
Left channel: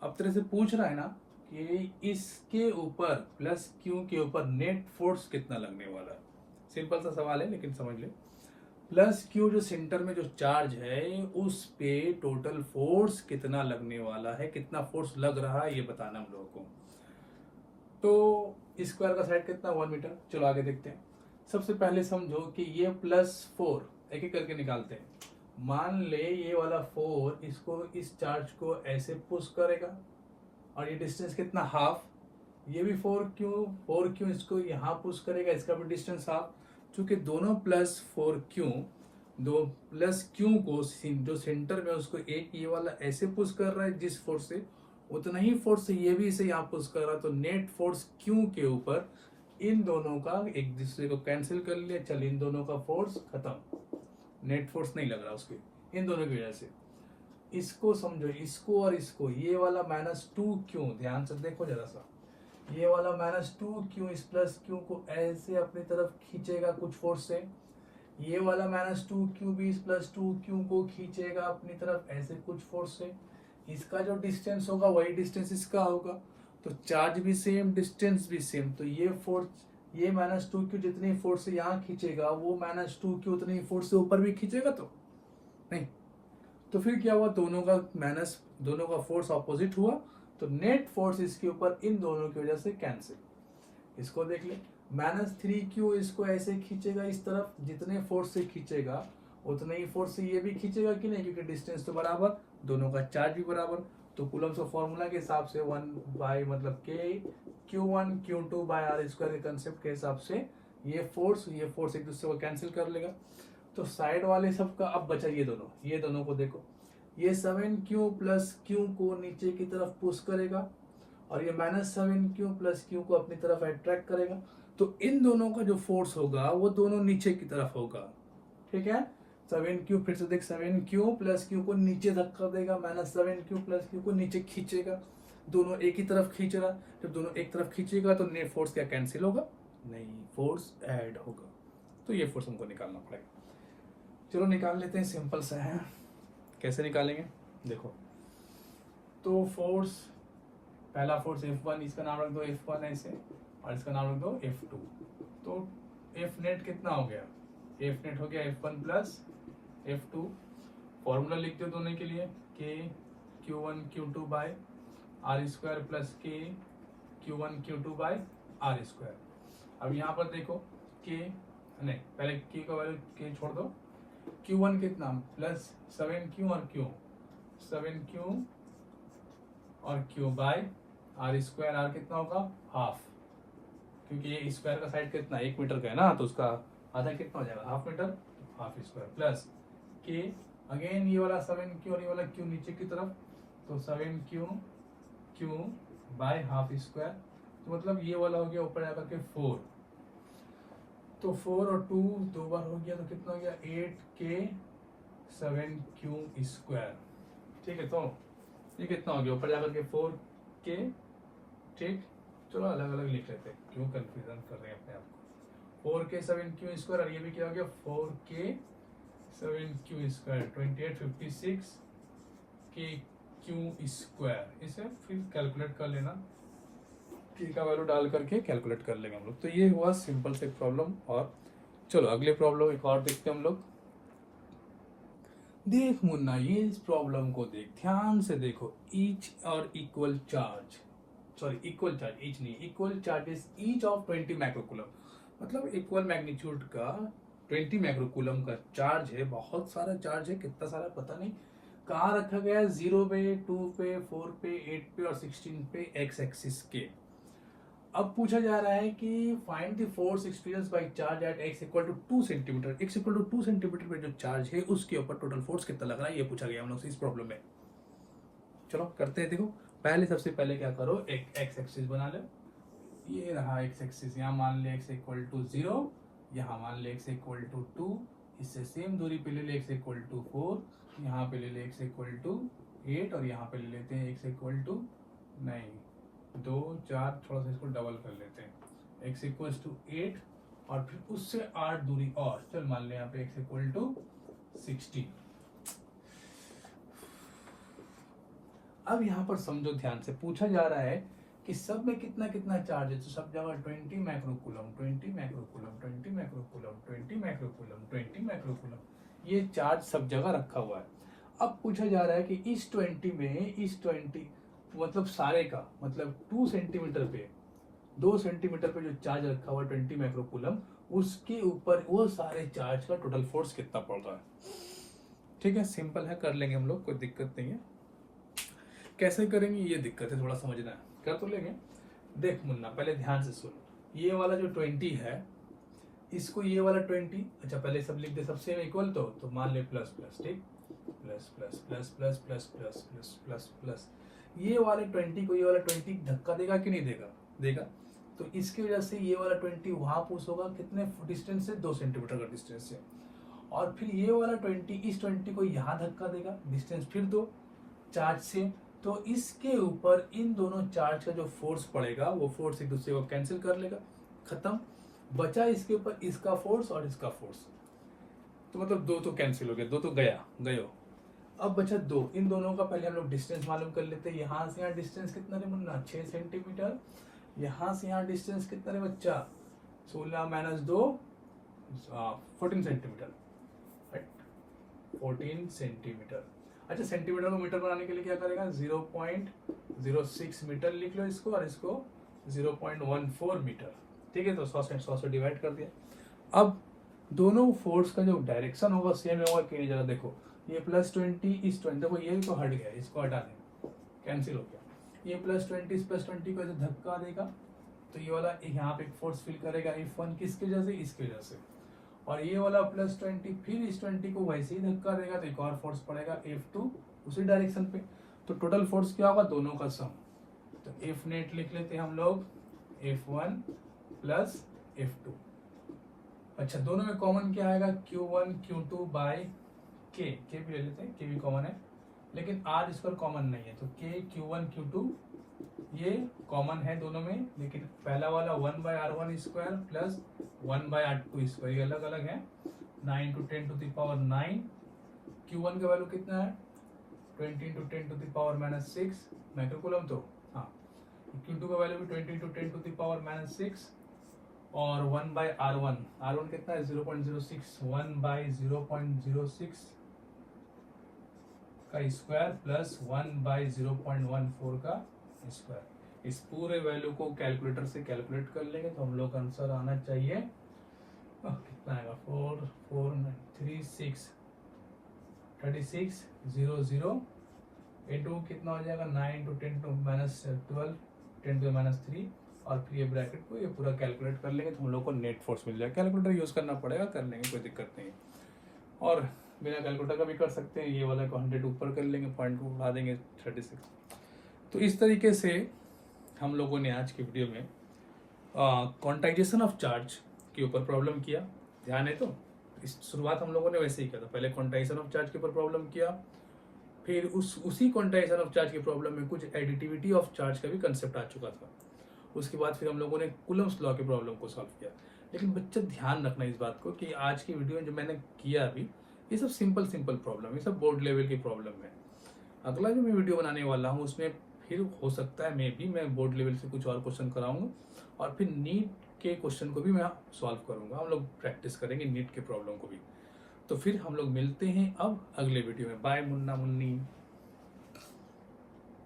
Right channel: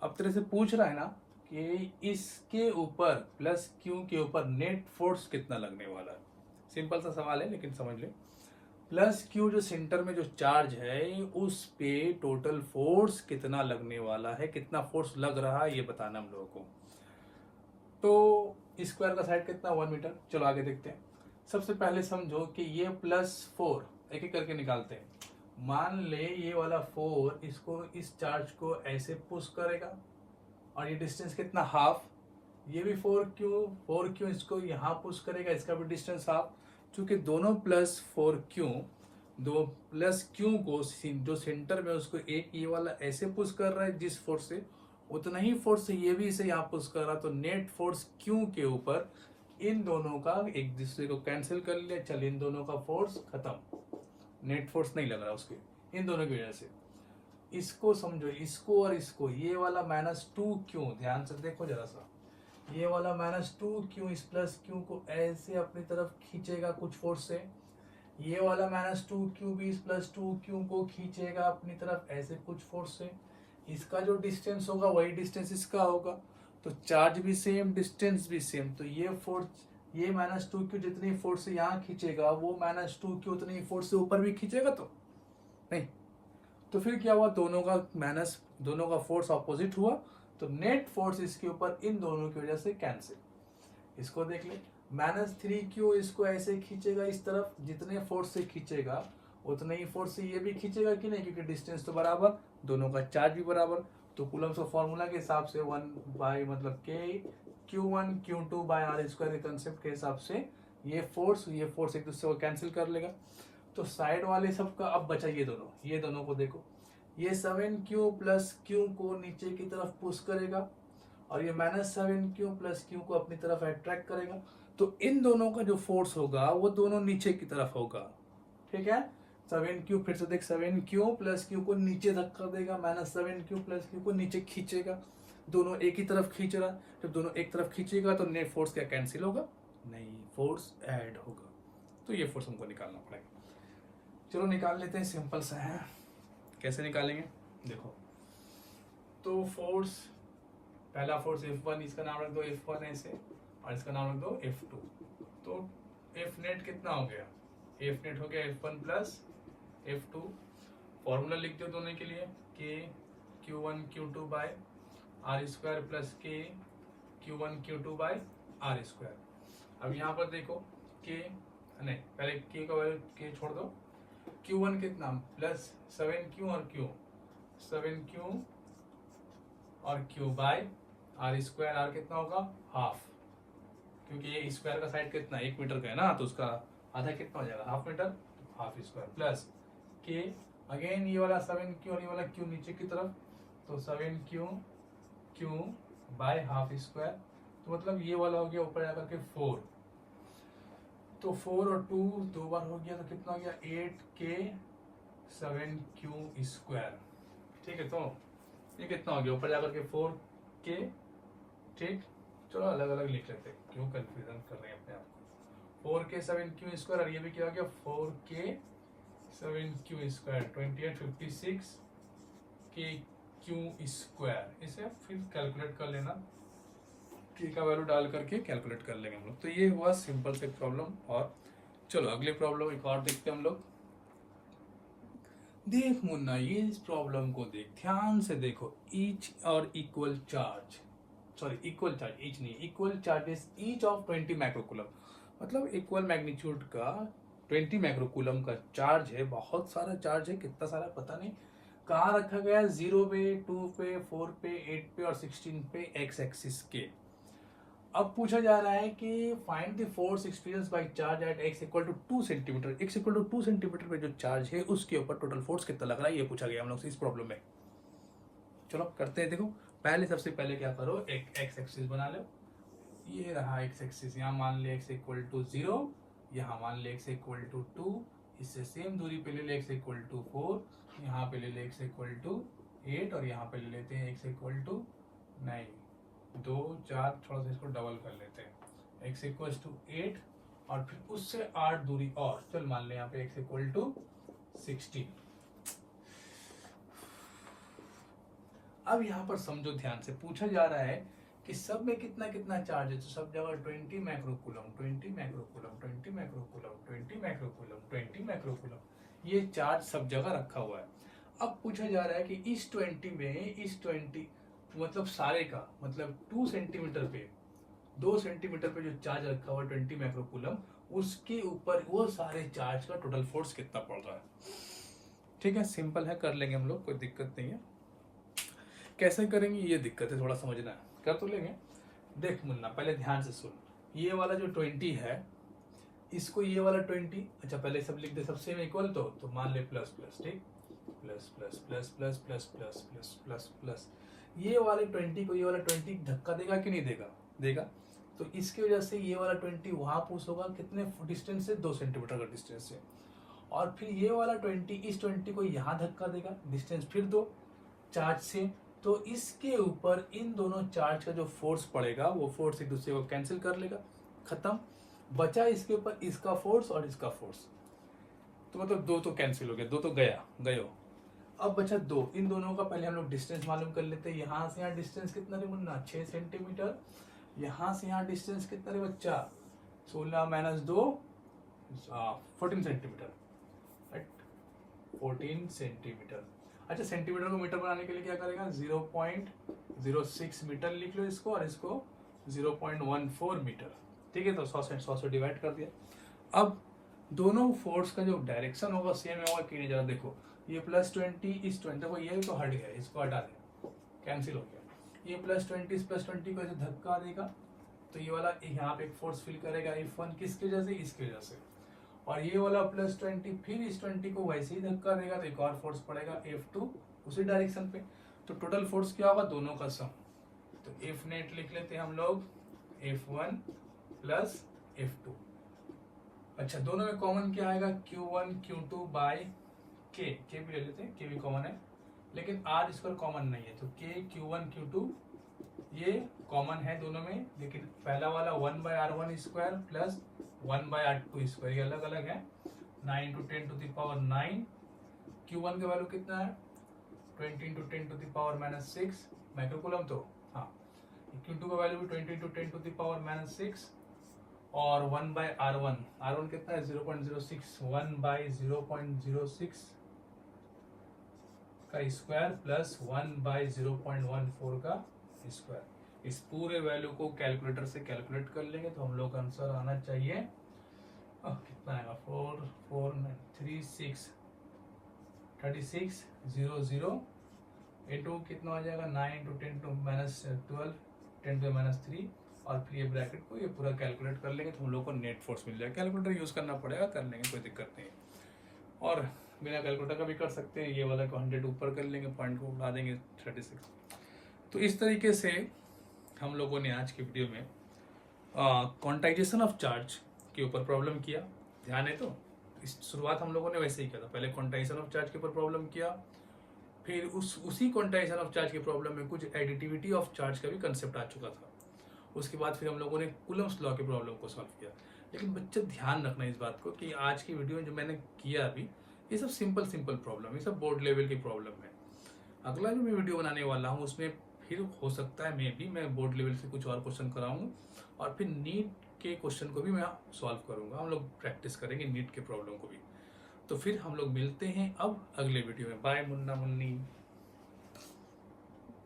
अब तेरे से पूछ रहा है ना कि इसके ऊपर +q के ऊपर नेट फोर्स कितना लगने वाला है। सिंपल सा सवाल है लेकिन समझ ले। +q जो सेंटर में जो चार्ज है उस पे टोटल फोर्स कितना लगने वाला है, कितना फोर्स लग रहा है ये बताना हम लोगों को। तो स्क्वायर का साइड कितना 1 मीटर। चलो आगे देखते हैं। सबसे पहले समझो कि ये +4 एक एक करके निकालते हैं। मान ले ये वाला 4 इसको, इस चार्ज को ऐसे पुश करेगा और ये डिस्टेंस कितना हाफ। ये भी 4Q इसको यहाँ पुश करेगा, इसका भी डिस्टेंस हाफ। चूंकि दोनों +4Q, दो +Q को जो सेंटर में उसको एक ये वाला ऐसे पुश कर रहा है जिस फोर्स से, उतना ही फोर्स से ये भी इसे यहाँ पुश कर रहा है। तो नेट फोर्स Q के ऊपर इन दोनों का एक दूसरे को कैंसिल कर लिया। चल इन दोनों का फोर्स खत्म, नेट फोर्स नहीं लग रहा उसके, इन दोनों की वजह से। इसको समझो, इसको और इसको, ये वाला -2Q, ध्यान से देखो जरा सा, ये वाला -2Q इस +Q को ऐसे अपनी तरफ खींचेगा कुछ फोर्स से। ये वाला -2Q भी इस +2Q को खींचेगा अपनी तरफ ऐसे कुछ फोर्स से। इसका जो डिस्टेंस होगा वही डिस्टेंस इसका होगा, तो चार्ज भी सेम, डिस्टेंस भी सेम। तो ये फोर्स, ये -2Q जितनी फोर्स से यहाँ खींचेगा वो -2Q उतनी फोर्स से ऊपर भी खींचेगा तो नहीं। तो फिर क्या हुआ, दोनों का फोर्स ऑपोजिट हुआ। तो नेट फोर्स इसके ऊपर इन दोनों की वजह से कैंसिल। इसको देख ले, -3Q इसको ऐसे खींचेगा इस तरफ, जितने फोर्स से खींचेगा उतने ही फोर्स से ये भी खींचेगा कि नहीं, क्योंकि डिस्टेंस तो बराबर, दोनों का चार्ज भी बराबर। तो कूलम्स का फॉर्मूला के हिसाब से 1 मतलब K Q1 Q2 bye R² के कंसेप्ट के हिसाब से ये फोर्स एक दूसरे को कैंसिल कर लेगा। तो साइड वाले सब का अब बचा ये दोनों को देखो, ये 7Q + Q को नीचे की तरफ पुश करेगा और ये -7Q + Q को अपनी तरफ अट्रैक्ट करेगा। तो इन दोनों का जो फोर्स होगा वो दोनों नीचे की तरफ होगा, ठीक है। 7Q, फिर से देख, 7Q + Q को नीचे धक्का देगा, -7Q + Q को नीचे खींचेगा। दोनों एक ही तरफ खींच रहा, तो दोनों एक तरफ खींचेगा तो नेट फोर्स क्या कैंसिल होगा, नहीं, फोर्स ऐड होगा। तो ये फोर्स हमको निकालना पड़ेगा। चलो निकाल लेते हैं, सिंपल सा है। कैसे निकालेंगे देखो। तो फोर्स, पहला फोर्स F1, इसका नाम रख दो F1 ऐसे, और इसका नाम रख दो F2। तो F नेट कितना हो गया, F नेट हो गया F1 + F2। फॉर्मूला लिख दो दोनों के लिए, K Q1 Q2 bye R² + K Q1 Q2 bye R²। अब यहाँ पर देखो K, नहीं पहले K का वैल्यू K छोड़ दो। Q1 कितना +7Q और Q, 7Q और Q बाय R²। R कितना होगा, हाफ, क्योंकि ये स्क्वायर का साइड कितना 1 मीटर का है ना, तो उसका आधा कितना हो जाएगा, half metre, half square plus K, again ये वाला 7Q और ये वाला Q नीचे की तरफ, तो 7Q Q by half square. तो मतलब ये वाला हो गया ऊपर जाकर के 4, तो 4 और 2 दो बार हो गया, तो कितना हो गया 8K 7Q²। ठीक है, तो ये कितना हो गया ऊपर जाकर के 4K, ठीक। चलो अलग अलग लिख लेते हैं, क्यों कंफ्यूजन कर रहे हैं अपने आप को। 4K 7Q² और ये भी क्या हो गया 4K 7Q², 28 56 KQ²। इसे फिर कैलकुलेट कर लेना, K का वैल्यू डाल करके कैलकुलेट कर लेंगे हम लोग। तो ये हुआ सिंपल से प्रॉब्लम। और चलो अगले प्रॉब्लम एक और देखते हैं हम लोग। देख मुन्ना, ये इस प्रॉब्लम को देख, ध्यान से देखो। ईच और equal charge, sorry equal charge, each नहीं, equal charges each of 20 microcoulomb, मतलब इक्वल मैग्नीट्यूड का 20 माइक्रोकूलम का चार्ज है। बहुत सारा चार्ज है, कितना सारा पता नहीं। कहाँ रखा गया? 0 पे, 2 पे, 4 पे, 8 पे और 16 पे एक्स एक्सिस के। अब पूछा जा रहा है कि find the force experience by charge at x equal to 2 centimetre. x equal to 2 centimetre पे जो चार्ज है उसके ऊपर टोटल फोर्स कितना लग रहा है, ये पूछा गया हम लोग से इस प्रॉब्लम में। चलो करते हैं। देखो पहले, सबसे पहले क्या करो, एक एक्स एक्सिस बना लो। ये रहा एक्स एक्सिस, यहाँ मान ले x इक्वल टू 0, यहाँ मान ले x इक्वल टू 2, इससे सेम दूरी पे ले ले x इक्वल टू 4, यहाँ पे ले ले x इक्वल टू 8 और यहाँ पे ले लेते हैं x इक्वल टू 9, 2 4, थोड़ा सा इसको डबल कर लेते हैं, x इक्वल टू 8 और फिर उससे 8 दूरी और, चल मान ले यहाँ पे x इक्वल टू 16। अब यहाँ पर समझो ध्यान से, पूछा जा रहा है कि सब में कितना कितना चार्ज है। तो सब जगह 20 microcoulomb, 20 microcoulomb, 20 microcoulomb, 20 microcoulomb, 20 microcoulomb, ये चार्ज सब जगह रखा हुआ है। अब पूछा जा रहा है कि इस 20 में, इस 20 मतलब सारे का, मतलब 2 सेंटीमीटर पे, 2 सेंटीमीटर पे जो चार्ज रखा हुआ 20 माइक्रोकूलम, उसके ऊपर वो सारे चार्ज का टोटल फोर्स कितना पड़ रहा है। ठीक है, सिंपल है, कर लेंगे हम लोग, कोई दिक्कत नहीं है। कैसे करेंगे ये दिक्कत है, थोड़ा समझना है, कर तो लेंगे। देख मुन्ना, पहले ध्यान से सुन। ये वाला जो 20 है, इसको ये वाला 20, अच्छा पहले सब लिख दे, सबसे में इक्वल तो मान ले प्लस प्लस, ठीक, plus plus plus plus plus plus plus plus plus. ये वाले 20 को ये वाला 20 धक्का देगा कि नहीं देगा? देगा। तो इसकी वजह से ये वाला 20 वहां पुश होगा, कितने डिस्टेंस से? 2 सेंटीमीटर का डिस्टेंस से। और फिर ये वाला 20 इस 20 को यहाँ धक्का देगा, डिस्टेंस फिर 2 चार्ज से। तो इसके ऊपर इन दोनों चार्ज का जो फोर्स पड़ेगा, वो फोर्स एक दूसरे को कैंसिल कर लेगा, खत्म। बचा इसके ऊपर इसका फोर्स और इसका फोर्स, तो मतलब 2 तो कैंसिल हो गया, 2 तो गयो। अब बचा 2, इन दोनों का पहले हम लोग डिस्टेंस मालूम कर लेते हैं। यहाँ से यहाँ डिस्टेंस कितना रे मुन्ना? 6 सेंटीमीटर। यहाँ से यहाँ डिस्टेंस कितना रे बच्चा? 16 माइनस 2, 14 सेंटीमीटर, 14 सेंटीमीटर। अच्छा, सेंटीमीटर को मीटर बनाने के लिए क्या करेगा? 0.06 मीटर लिख लो इसको, और इसको 0.14 मीटर। ठीक है, तो 100 से डिवाइड कर दिया। अब दोनों फोर्स का जो डायरेक्शन होगा सेम होगा कि नहीं, जरा देखो। ये +20 इस 20, देखो ये तो हट गया, इसको हटा दें, कैंसिल हो गया। ये +20 इस +20 को ऐसे धक्का देगा, तो ये वाला यहाँ पे फोर्स फील करेगा F1, किसकी वजह से? इसकी वजह से। और ये वाला +20 फिर इस 20 को वैसे ही धक्का देगा, तो एक और फोर्स पड़ेगा F2 उसी डायरेक्शन पे। तो टोटल फोर्स क्या होगा? दोनों का सम। तो F नेट लिख लेते हैं हम लोग, F1 प्लस F2। अच्छा, दोनों में कॉमन क्या आएगा? Q1 Q2 बाय K भी ले लेते हैं, K भी कॉमन है, लेकिन R स्क्वायर कॉमन नहीं है, तो K Q1 Q2 ये कॉमन है दोनों में, लेकिन पहला वाला 1/r1 square plus 1/r2 square, ये अलग अलग है। 9 × 10 टू द पावर 9। Q1 का वैल्यू कितना है? 20 × 10 टू द पावर -6 माइक्रोकूलम, तो हाँ। Q2 का वैल्यू भी 20 × 10 टू द पावर -6 और 1/r1 कितना है? 0.06, 1/0.06 का स्क्वायर प्लस 1/0.14 का स्क्वायर। इस पूरे वैल्यू को कैलकुलेटर से कैलकुलेट कर लेंगे तो हम लोग का आंसर आना चाहिए, कितना आएगा? 4 4 36 00 इंटू कितना हो जाएगा? 9 × 10 टू -12 10 टू -3, और फिर ये ब्रैकेट को ये पूरा कैलकुलेट कर लेंगे तो हम लोग को नेट फोर्स मिल जाएगा। कैलकुलेटर यूज करना पड़ेगा, कर लेंगे, कोई दिक्कत नहीं है। और बिना कैलकुलेटर का भी कर सकते हैं, ये वाला को 100 ऊपर कर लेंगे, पॉइंट को उड़ा देंगे 36। तो इस तरीके से हम लोगों ने आज की वीडियो में क्वांटाइजेशन ऑफ चार्ज के ऊपर प्रॉब्लम किया। ध्यान है तो इस शुरुआत हम लोगों ने वैसे ही किया था, पहले क्वांटाइजेशन ऑफ चार्ज के ऊपर प्रॉब्लम किया, फिर उसी क्वांटाइजेशन ऑफ चार्ज के प्रॉब्लम में कुछ एडिटिविटी ऑफ चार्ज का भी कंसेप्ट आ चुका था। उसके बाद फिर हम लोगों ने कूलम्स लॉ के प्रॉब्लम को सॉल्व किया। लेकिन बच्चा ध्यान रखना इस बात को कि आज की वीडियो में जो मैंने किया अभी, ये सब सिंपल प्रॉब्लम, ये सब बोर्ड लेवल की प्रॉब्लम है। अगला जो मैं वीडियो बनाने वाला हूँ उसमें फिर हो सकता है मैं बोर्ड लेवल से कुछ और क्वेश्चन कराऊंगा, और फिर नीट के क्वेश्चन को भी मैं सॉल्व करूंगा। हम लोग प्रैक्टिस करेंगे नीट के प्रॉब्लम को भी। तो फिर हम लोग मिलते हैं अब अगले वीडियो में। बाय मुन्ना मुन्नी।